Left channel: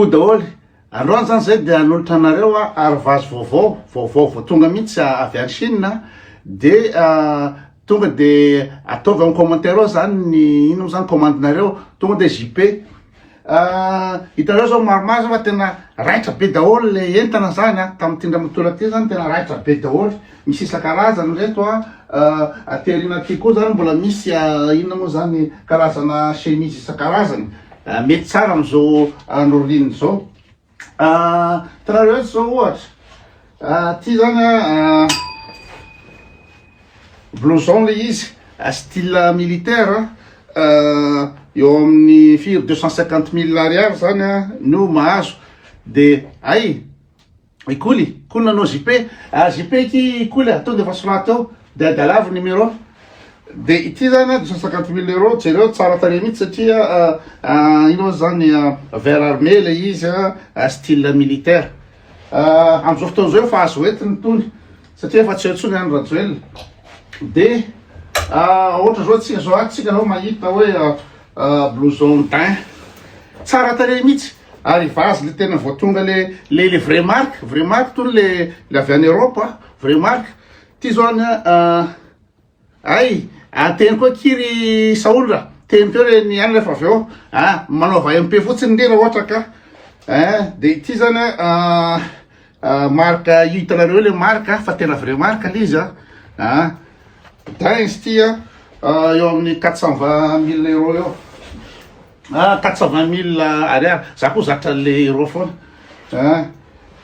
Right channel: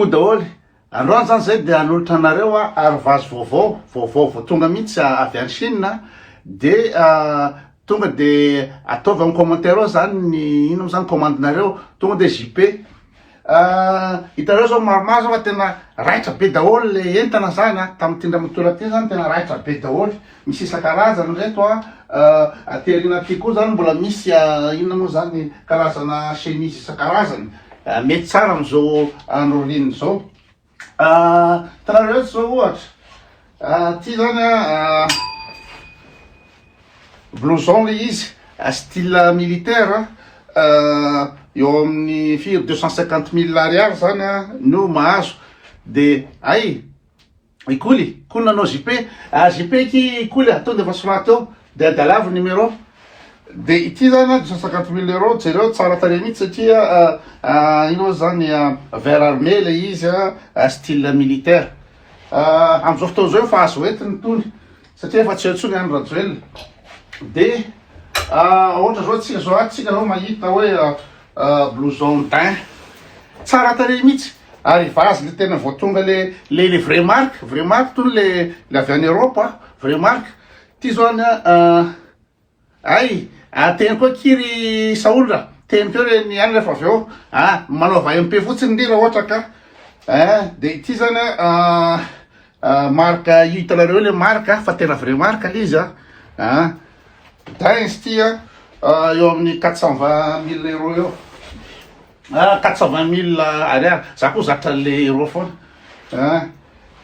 koa daholo androany zany zay dia hanolotra anareo arivazy vaovao tonga mihitsy avy any Chine de tonga de ataovy amin'ny commentaire ao zany ny ino zany commandinareo tonga de JP hitanareo zao maromaro fa tena raitra be daholo le entana zany tamin'ny tindramatola ty zany tena raitra be daholo misy isan-karazany reto aterina ty koa zany mbola misy inona moa zany karazana chemise isan-karazany mety tsara am'izao andro rininy zao tanareo zao ohatra ty zany blouson le izy style militaire eo amin'ny firy 250 000 ariary zany no mahazo de ay ikoly nanao JP iky ikoly atao de efa solata eo de dalavo numéro de ity zany 250 000 euros jereo tsara tare mihitsy satria ino zany vert armé le izy style militaire am'izao fotoana zao fa azo entiny tony satria efa tsy eo tsony any rajoelina de ohatra zao tsika zao mahita hoe blouson teint tsara tare mihitsy ary vazy le tena voatonga le vrai marque tony le avy any Europe vrai marque ty zao ay teny koa kiry saola teny keo re ny any rehefa avy eo manaova MP fotsiny ndre raha ohatra ka de ity zany marque io hitanareo le marque fa tena vrai marque le izy dinzy ty eo amin'ny 420 000 euros eo 420 000 ariary za koa zatra le euro foana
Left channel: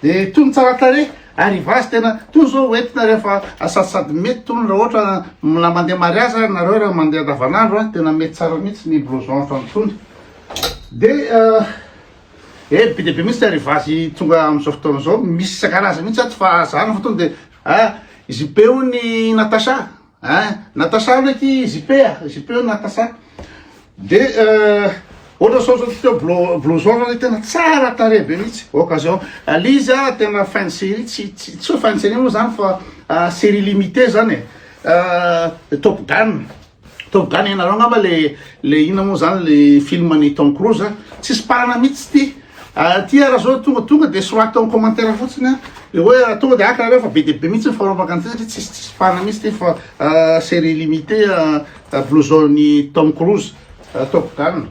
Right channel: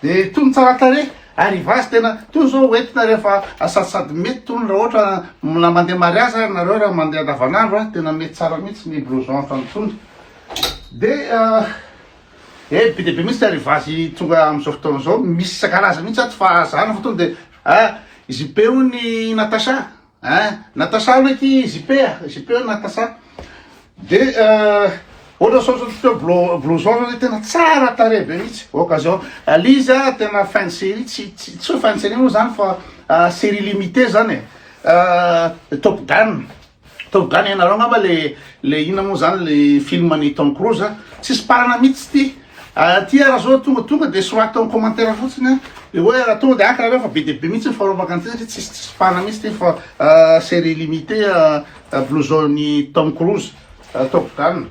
de tony tsara tare ary vazy tena tony zao entina rehefa sady mety tony raha ohatra na mandeha mariazy nareo raha mandeha andavanandro tena mety tsara mihitsy ny blouson trany tony de be de be mihitsy ary vazy tonga am'izao fotoana zao misy isan-karaza mihitsy aty fa zany fa tonga de JP io ny Natacha Natacha ndraiky JP io Natacha de ohatra sao blouson zany tena tsara tare be mihitsy occasion lizy tena fin de série tsy hoe fin de série moa zany fa série limité zany Top Gun ianareo ngamba le ina moa zany le film ny Tom Cruise tsisy parana mihitsy ty raha zao tonga de sorata amin'ny commentaire fotsiny hoe tonga de akareo fa be de be mihitsy farovaka an'ity satria tsisy parana mihitsy ty fa série limité blouson ny Tom Cruise Top Gun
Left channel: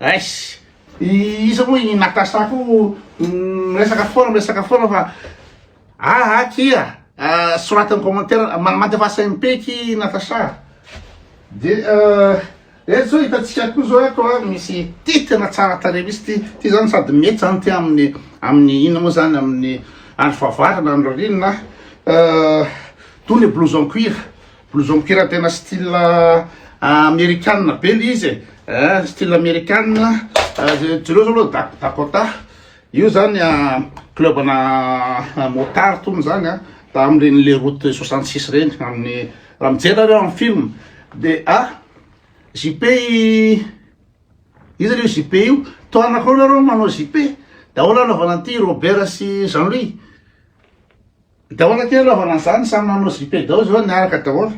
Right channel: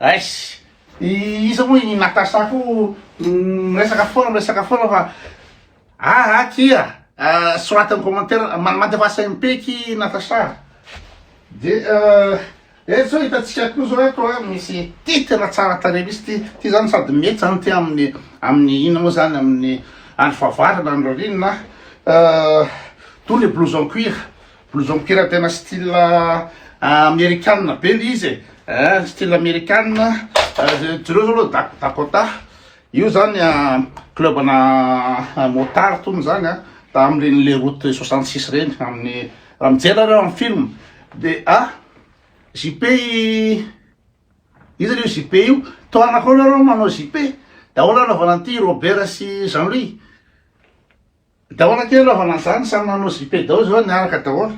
aisy iza moa i Natacha ko resaka foana fa kia sorata amin'ny commentaire mandevasa MP ky Natacha de zao hitantsika koa zao eto misy ty tena tsara tare misy ty zany sady mety zany ty amin'ny ina moa zany amin'ny andro fahavarana andro rinina toy le blouson cuir tena style américaine be le izy style américaine jereo zao aloha Dakota io zany club na motard tony zany da am'ireny le route 66 reny amin'ny raha mijery reo amin'ny film de JP izy reo JP io toana koa nareo manao JP da ahoana anaovana an'ity Robert sy Jean-Louis da ahoana kely anaovana an'izany samy manao JP daholo zao niaraka daholo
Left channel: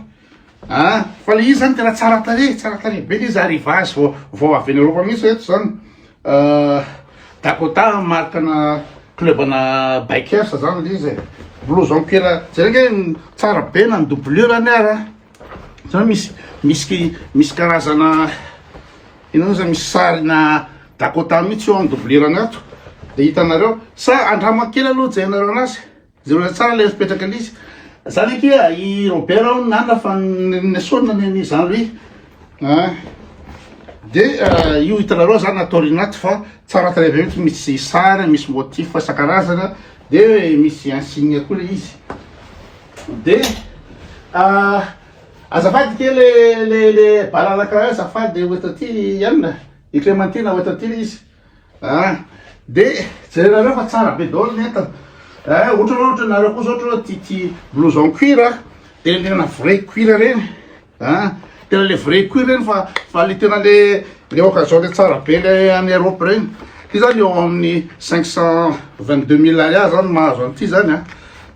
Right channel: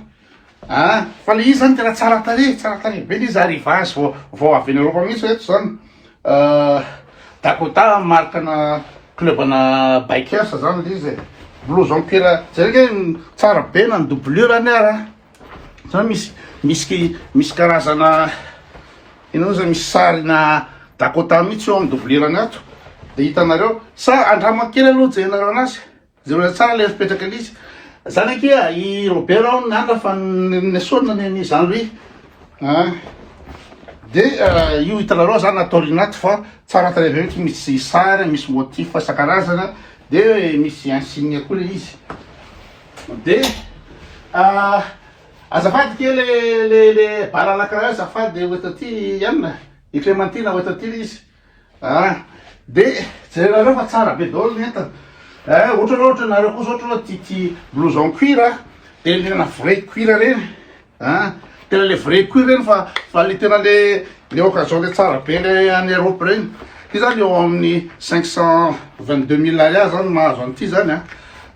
fa le izy zany tena tsara tare be le izy ary vazy vao avy any Europe mihitsy eto zany Dakota markana clubana bikers zany le izy blouson cuir zareo tsara be na ny doublure any ara zany misy karazana ino zany misy sarina Dakota mihitsy eo amin'ny doublure any ato de hitanareo sa andramakely aloha jerenareo anazy zareo tsara le fipetraka lizy zany akia i Robert ao nandra fa nesona ny Jean-Louis de io hitanareo zany atao rinaty fa tsara tare be mihitsy misy sary misy motif isan-karazana de misy insigne koa le izy de azafady ke le balalaka azafady oetaty ianina i Clémentine oetaty le izy de jererareo fa tsara be daholo ny entana ohatra nareo koa zao ohatra ty blouson cuir de tena vrai cuir reny tena le vrai cuir reny fa le tena le occasion le tsara be le any Europe reny ty zany eo amin'ny 522 000 ariary zany mahazo an'ity zany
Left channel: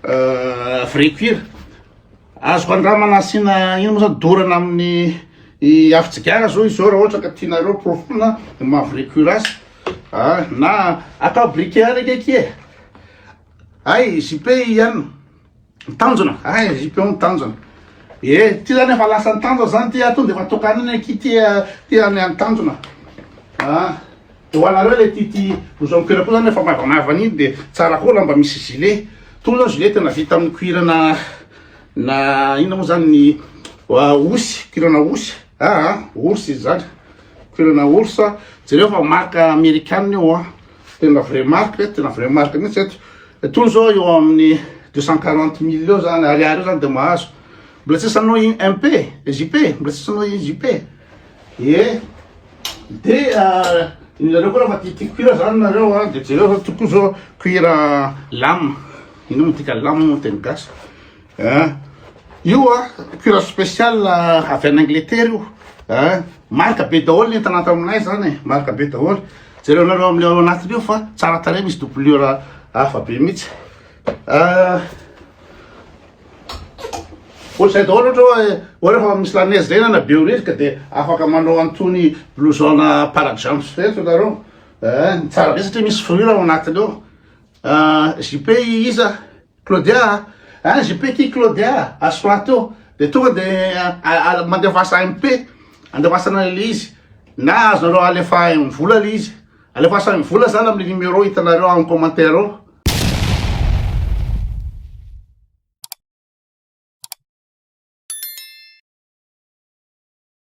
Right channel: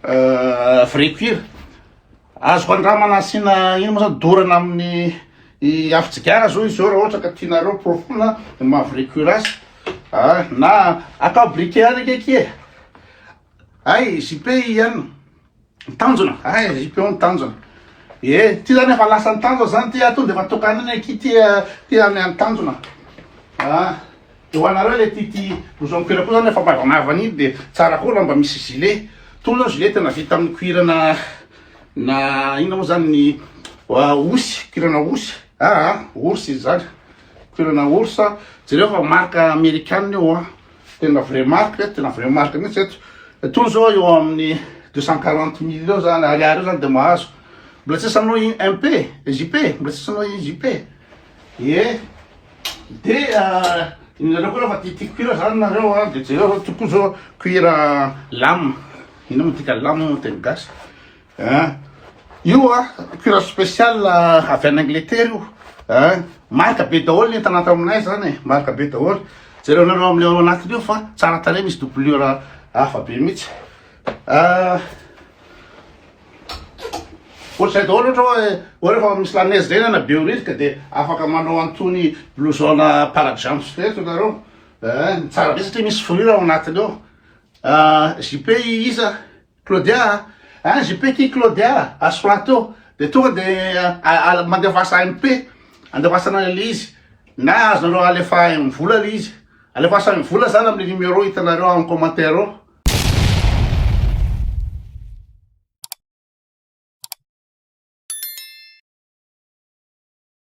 vrai cuir azoko andramana asina ino moa zany dorana amin'ny afitsigara zao izy zao raha ohatra ka tianareo profona mavrecurace na akabriqué araiky e ay jipe ihany mitanjona ay jipe mitanjona ty zany efa lasa nitanjona zany ty to de efa tokaniny aky ty any tanjona ho anareo le ty blouson cuir koa zany efa maivamaivana iny de tsara koa lamba misy gilet to zany gilet tena vita amin'ny cuir na ina moa zany ny osy cuirna osy ours izy zany cuirna ours jereo fa marque américaine io tena vrai marque mihitsy eto to zao eo amin'ny 240 000 eo zany ariary eo zany de mahazo mbola tsy sanao MP JP mbola tsy sanao JP de inareo koa raha fa ty cuir zany nareo de jereo zao toko zao cuir lame ino motika lame mo teny gasy io cuir spécial avy en Angleterre io marque be daholo ny entanata aminay zany marque be daholo jereo nareo amle ao anatiny io fa tsara tare misy doublure hafa be mihitsy ohatrzay daholo ohatra hoe rehefa misy lanezy zay na be risque de afaka manao antony blouson parajumpy feto nareo tsara be satria misy fourrure ao anatiny ao JP iza Claudia JP ki Claudia asolata eo de tonga de mandevasa MP andevasana le izy na azonareo alefa mivola le izy alefasa mivola zany amle numéro hitanareo amin'ny commentaire ao